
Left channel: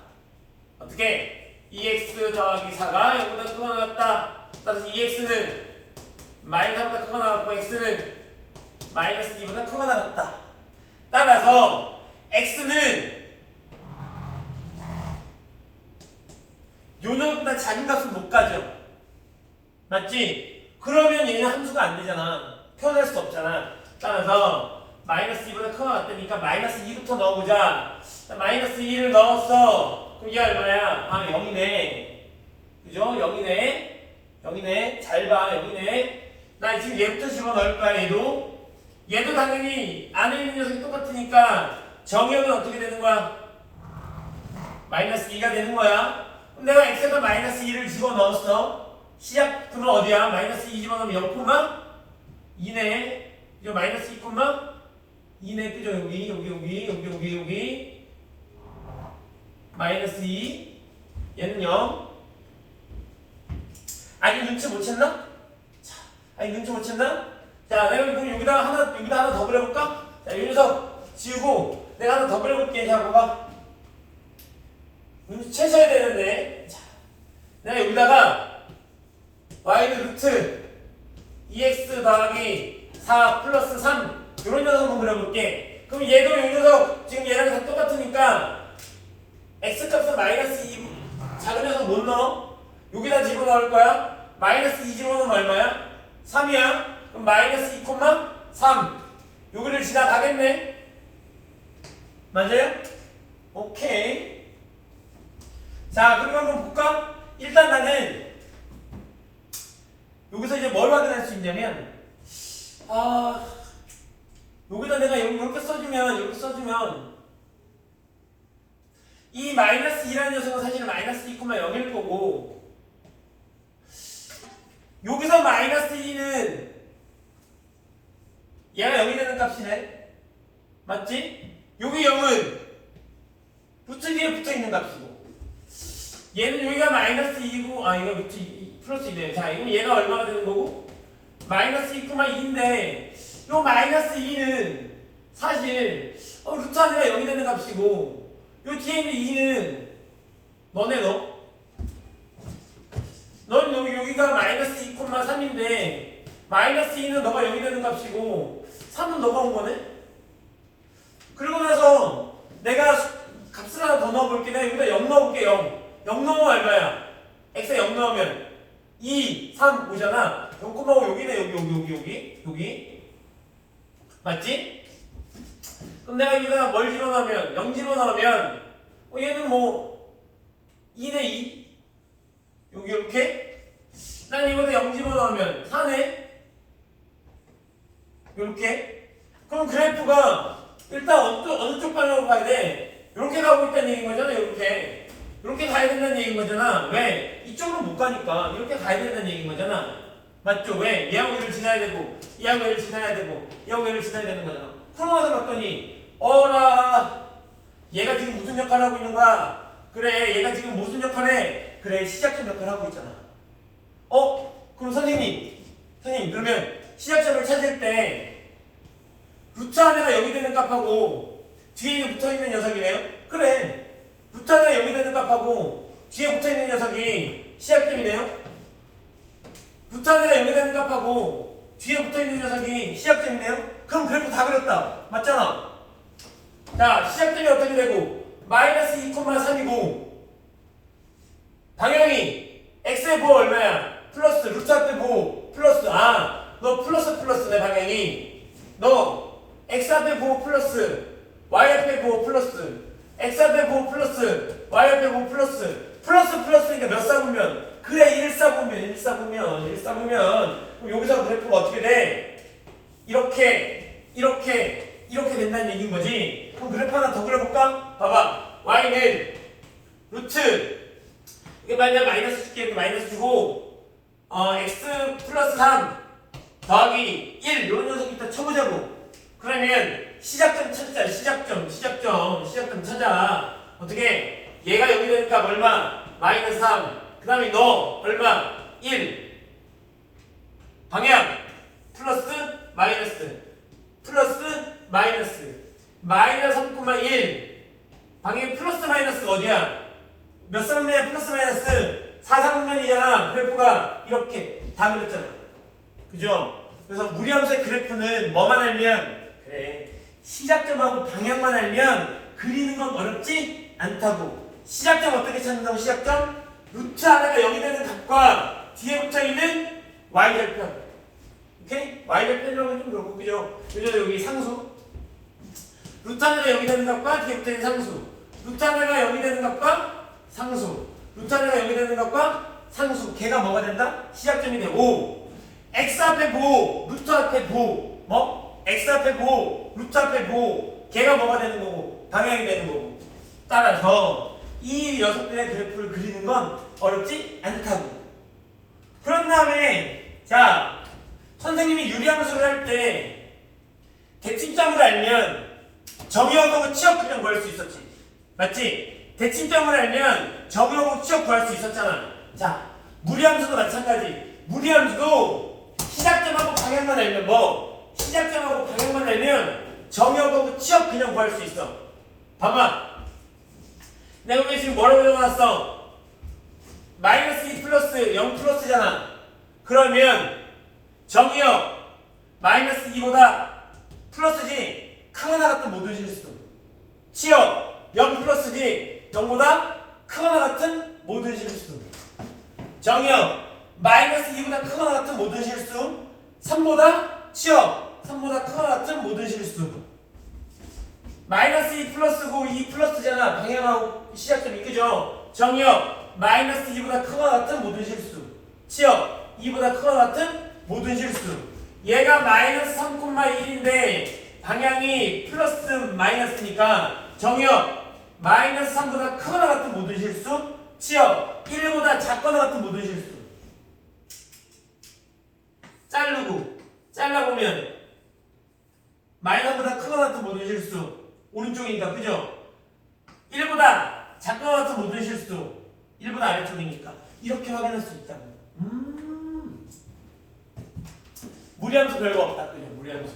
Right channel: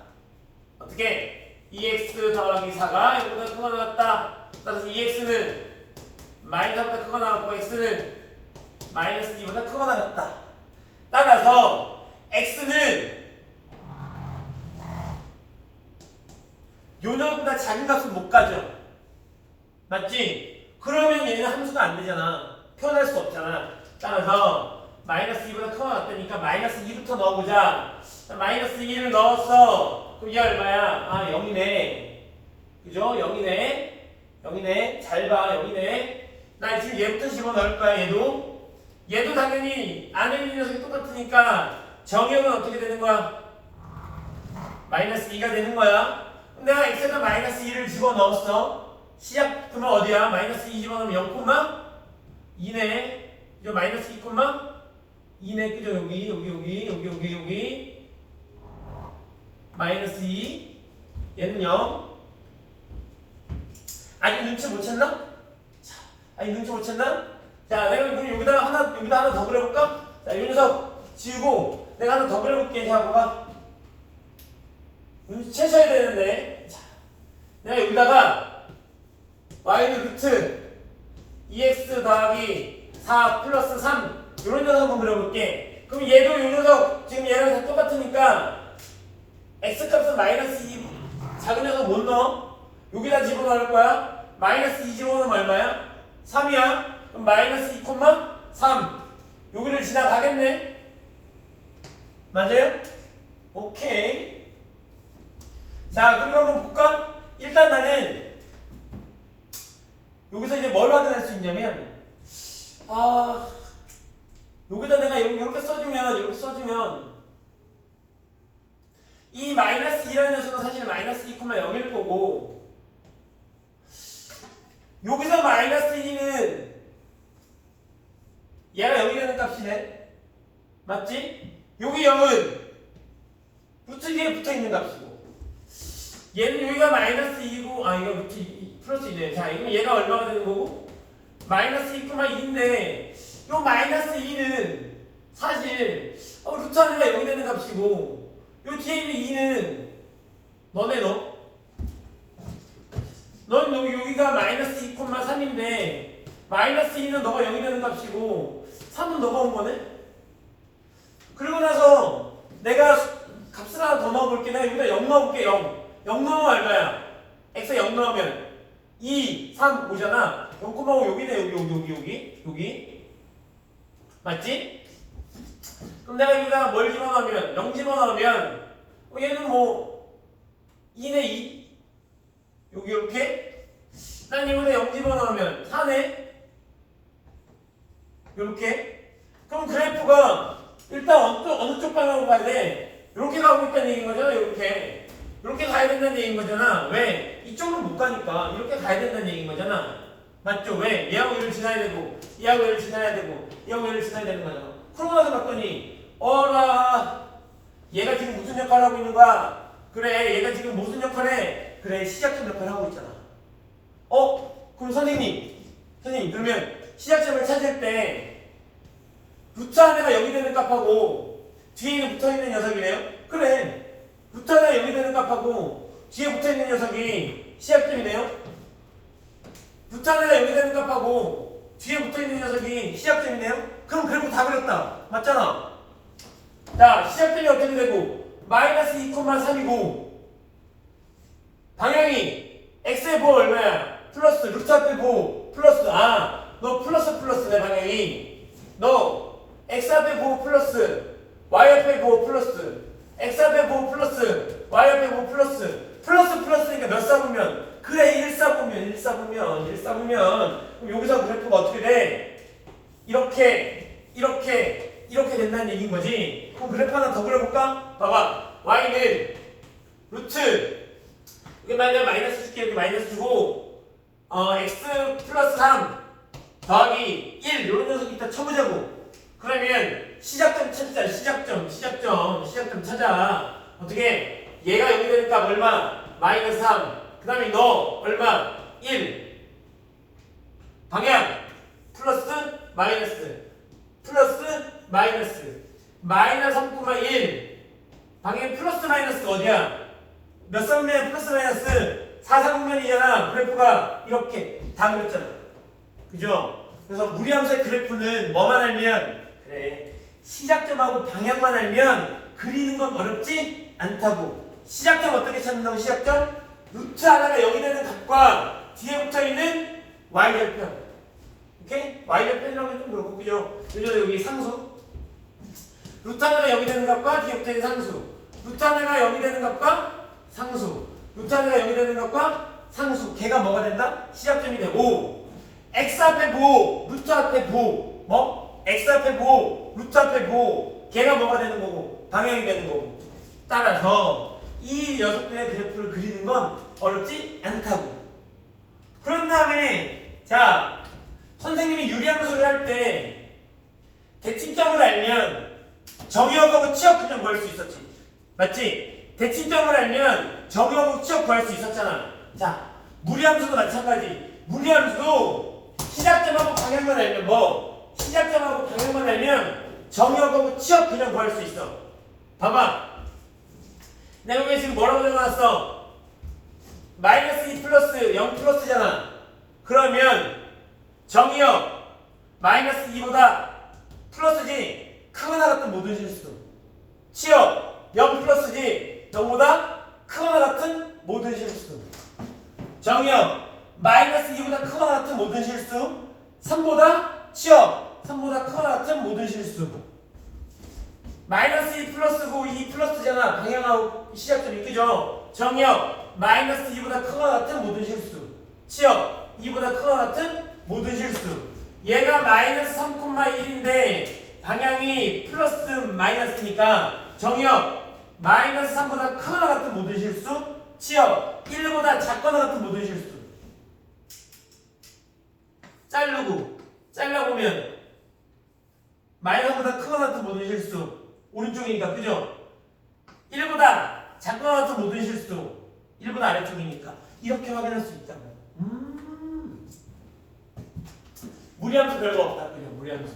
어떻게? 2x 더하기 4가 0보다 크거나 같다. 따라서 2x는 마이너스 4보다 크거나 같고 x는 마이너스 2보다 크거나 같다. 따라서 x는 요놈보다 작은 값은 못 가져. 맞지? 그러면 얘는 함수가 안 되잖아. 표현할 수 없잖아. 따라서 마이너스 2보다 크거나 같다니까 마이너스 2부터 넣어보자. 마이너스 2를 넣었어. 그럼 얘가 얼마야? 아 0이네. 그죠? 0이네. 잘 봐. 0이네. 나 지금 얘부터 집어넣을 거야. 얘도 당연히 안에 있는 녀석이 똑같으니까 정의역은 어떻게 되는 거야? 마이너스 2가 되는 거야. 그럼 내가 x에다 마이너스 2를 집어넣었어. 시작분은 어디야? 마이너스 2 집어넣으면 0,2네. 그죠? 마이너스 2,2네. 그죠? 여기. 마이너스 2. 얘는 0. 아직 눈치 못 챘나? 자, 내가 그럼 여기다 하나 더 그려볼까? 자, 이 녀석 지우고 내가 하나 더 그려볼게. 자, 봐봐. 눈치 채셔야 되는데. 자, 내가 여기다가 y는 루트 2x 더하기 4 플러스 3 이런 녀석 한번 그려볼게. 그럼 얘도 이 녀석 지금 얘랑 다 똑같으니까 x값은 마이너스 2 작은 녀석 못 넣어. 여기다 집어넣을 거야. 마이너스 2 집어넣으면 얼마야? 3이야. 그럼 마이너스 2,3 여기를 지나가겠네. 맞아요? 오케이. 자, 그럼 한번 볼까? 일단 나는 여기서 이제 뭘 확인할 수 있냐면 여기다 내가 이렇게 써주면 이 마이너스 2라는 녀석은 사실 마이너스 2,0일 거고 여기서 마이너스 2는 얘가 0이 되는 값이네. 맞지? 여기 0은 루트 위에 붙어있는 값이고 얘는 여기가 마이너스 2고 이거 루트 2 플러스 2네. 자, 이거 얘가 얼마가 되는 거고? 마이너스 2,1인데 요 마이너스 2는 사실 루트 안에가 0이 되는 값이고 요 뒤에 있는 2는 넌 여기가 마이너스 2,3인데 마이너스 2는 너가 0이 되는 값이고 3은 너가 온 거네? 그리고 나서 내가 값을 하나 더 넣어볼게. 내가 여기다 0 넣어볼게. 0 넣으면 얼마야? x에 0 넣으면 2, 3 오잖아. 0,5 여기네. 여기 맞지? 그럼 내가 여기다가 뭘 집어넣으면 0 집어넣으면 얘는 뭐 2네 2 여기 이렇게 난 이거다 0 집어넣으면 4네 이렇게. 그럼 그래프가 일단 어느 쪽 방향으로 가야 돼? 이렇게 가고 있다는 얘기인 거잖아. 이렇게 가야 된다는 얘기인 거잖아. 왜? 이쪽으로 못 가니까 이렇게 가야 된다는 얘기인 거잖아. 맞죠? 왜? 얘하고 얘를 지나야 되고 얘하고 얘를 지나야 되고 얘하고 얘를 지나야 되는 거잖아. 그러고 나서 봤더니 어라 얘가 지금 무슨 역할을 하고 있는 거야? 그래 얘가 지금 무슨 역할을 해? 그래 시작점 역할을 하고 있잖아. 그럼 선생님 그러면 시작점을 찾을 때 루트 안에가 0이 되는 값하고 뒤에 붙어있는 녀석이네요? 그래 루트 안에가 0이 되는 값하고 뒤에 붙어있는 녀석이 시작점이네요? 루트 안에가 0이 되는 값하고 뒤에 붙어있는 녀석이 시작점이네요? 그럼 그래프 다 그렸다. 맞잖아. 자, 시작점이 어떻게 되고 마이너스 2,3이고 방향이 x의 보호 얼마야? 플러스 루트 앞에 보호 플러스 너 플러스네 방향이. 너 x 앞에 보호 플러스 y 앞에 보호 플러스 x 앞에 보호 플러스 y 앞에 보호 플러스니까 몇 쌍으면? 그래 1 쌍으면 그럼 여기서 그래프가 어떻게 돼? 이렇게 된다는 얘기인 거지. 그럼 그래프 하나 더 그려볼까? 봐봐. y는 루트 이게 만약 마이너스 줄게 이렇게 마이너스 주고 x 플러스 3 더하기 1 이런 녀석 이따 쳐보자고. 그러면 시작점 찾자. 시작점 찾아. 어떻게? 얘가 여기 되니까 얼마? 마이너스 3. 그 다음에 너 얼마? 1. 방향 플러스 마이너스 마이너스 3,1. 방향 플러스 마이너스 어디야? 몇 상면이야? 플러스 마이너스 4상면이잖아. 그래프가 이렇게 다 그렸잖아. 그죠? 그래서 무리함수의 그래프는 뭐만 알면 그래 시작점하고 방향만 알면 그리는 건 어렵지 않다고. 시작점 어떻게 찾는다고? 시작점 루트 하나가 0이 되는 값과 뒤에 붙어있는 y절편. 오케이? y절편이라고 좀 그렇고 그죠? 그죠? 여기 상수 루트 하나가 0이 되는 값과 뒤에 붙어있는 상수 루트 하나가 0이 되는 값과 상수 루트 하나가 0이 되는 값과 상수 걔가 뭐가 된다? 시작점이 되고 x 앞에 보 루트 앞에 보 뭐? x 앞에 보 루트 앞에 보 걔가 뭐가 되는 거고 방향이 되는 거고. 따라서 이 녀석들의 그래프를 그리는 건 어렵지 않다고. 그런 다음에 자 선생님이 유리함수를 할 때 대칭점을 알면 정의역하고 치역 그냥 구할 수 있었지. 맞지? 대칭점을 알면 정의역하고 치역 구할 수 있었잖아. 자 무리함수도 마찬가지. 무리함수도 시작점하고 방향만 알면 뭐? 시작점하고 방향만 알면 정의역하고 치역 그냥 구할 수 있어. 봐봐. 내가 왜 지금 뭐라고 적어놨어? 마이너스 2 플러스 0 플러스잖아. 그러면 정의역 마이너스 2보다 플러스지 크거나 같은 모든 실수. 치역 0 플러스지 0보다 크거나 같은 모든 실수. 정의역 마이너스 2보다 크거나 같은 모든 실수. 3보다 치역 3보다 크거나 같은 모든 실수. 마이너스 2 플러스고 2 플러스잖아. 방향하고 시작점이 그죠? 정의역 마이너스 2보다 크거나 같은 모든 실수. 치역 2보다 크거나 같은 모든 실수. 얘가 마이너스 3,1인데 방향이 플러스 마이너스니까 정의역 마이너스 3보다 크거나 같은 모든 실수. 치역 1보다 작거나 같은 모든 실수. 잘라보면 마이너스보다 크거나 같은 모든 실수. 오른쪽이니까 그죠? 1보다 작거나 같은 모든 실수 1보다 아래쪽이니까 이렇게 확인할 수 있다고. 무리함수 별거 없다. 그죠? 무리함수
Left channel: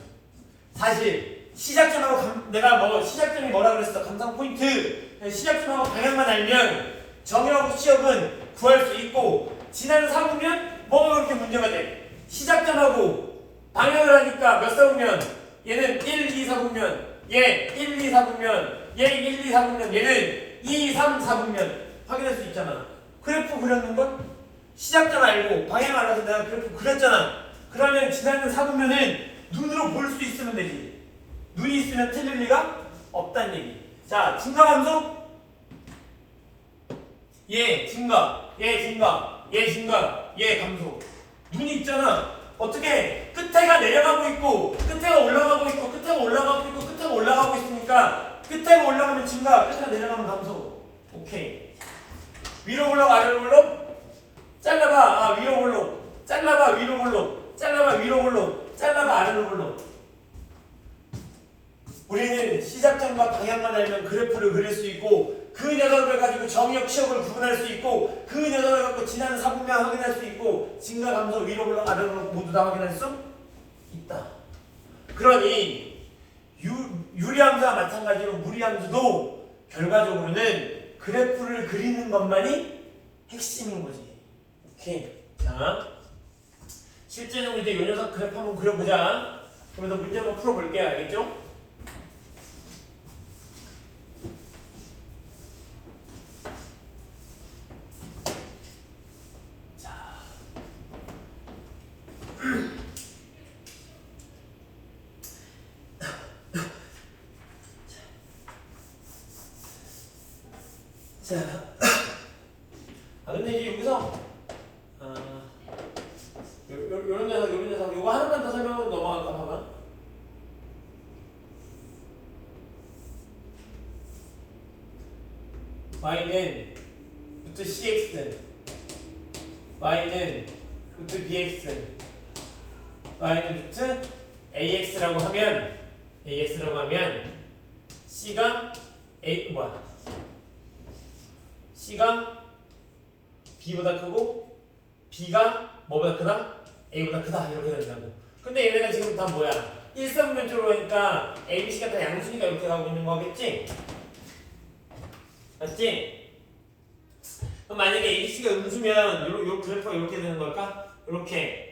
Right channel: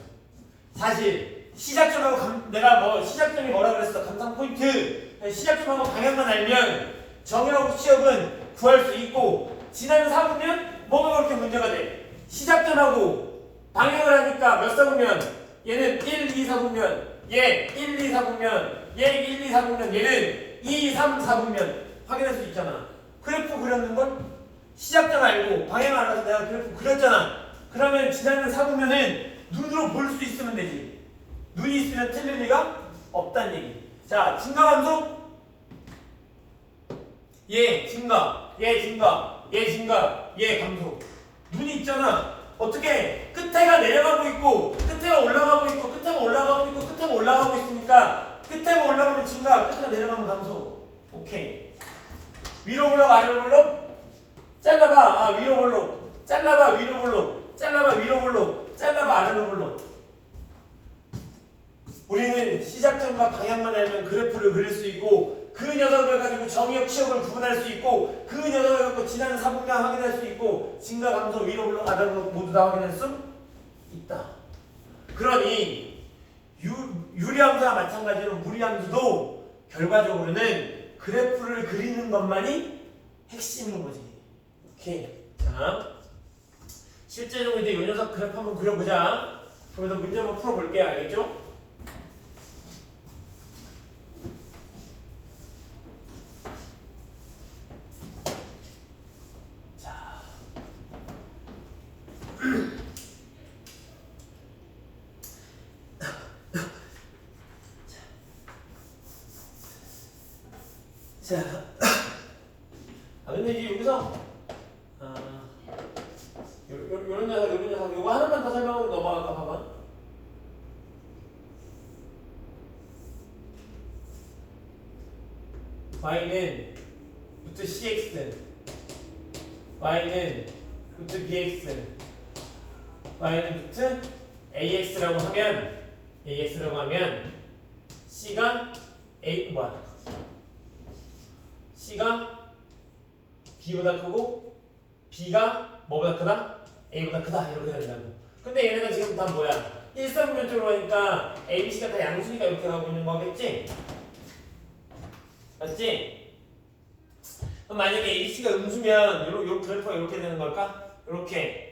사실 시작점하고 내가 뭐 시작점이 뭐라 그랬어? 감상 포인트. 시작점하고 방향만 알면 정의하고 치역은 구할 수 있고 지난 사보면 뭐가 그렇게 문제가 돼? 시작점하고 방향을 하니까 몇 사보면 얘는 1, 2, 4보면 얘 1, 2, 4분면 얘 1, 2, 4분면 얘는 2, 3, 4분면 확인할 수 있잖아. 그래프 그렸는 건 시작점 알고 방향 알아서 내가 그래프 그렸잖아. 그러면 지나는 4분면은 눈으로 볼 수 있으면 되지. 눈이 있으면 틀릴 리가 없다는 얘기. 자 증가함수 얘 증가 얘 감소. 눈이 있잖아. 어떻게 끝에가 내려가고 있고 끝에가 올라가고 있고 끝에가 올라가고 있고 끝에가 올라가고 있으니까 끝에가 올라가면 증가 끝에가 내려가면 감소. 오케이. 위로 올라가 아래로 올라? 잘라봐. 위로 올라. 잘라봐 위로 올라. 잘라봐 위로 올라. 잘라봐 아래로 올라. 우리는 시작점과 방향만 알면 그래프를 그릴 수 있고 그 녀석을 가지고 정의역 치역을 구분할 수 있고 그 녀석을 갖고 지나는 사분면 확인할 수 있고 증가 감소 위로 올라 아래로 모두 다 확인할 수 있다. 그러니 유리함수와 마찬가지로 무리함수도 결과적으로는 그래프를 그리는 것만이 핵심인 거지. 오케이. 자 실제적으로 이제 이 녀석 그래프 한번 그려보자. 그러면서 문제 한번 풀어볼게요. 알겠죠? 자, 근데 이제 여기서 요런 녀석 요거 하나만 더 설명하고 넘어갈까 봐봐. y는 루트 cx, y는 루트 bx, y는 루트 ax라고 하면 c가 c가 b보다 크고 b가 뭐보다 크다? a보다 크다 이렇게 된다고. 근데 얘네가 지금 다 뭐야? 일사분면적으로 하니까 a, b, c가 다 양수니까 이렇게 가고 있는 거겠지? 맞지? 그럼 만약에 a, b, c가 음수면 요 그래프가 이렇게 되는 걸까? 이렇게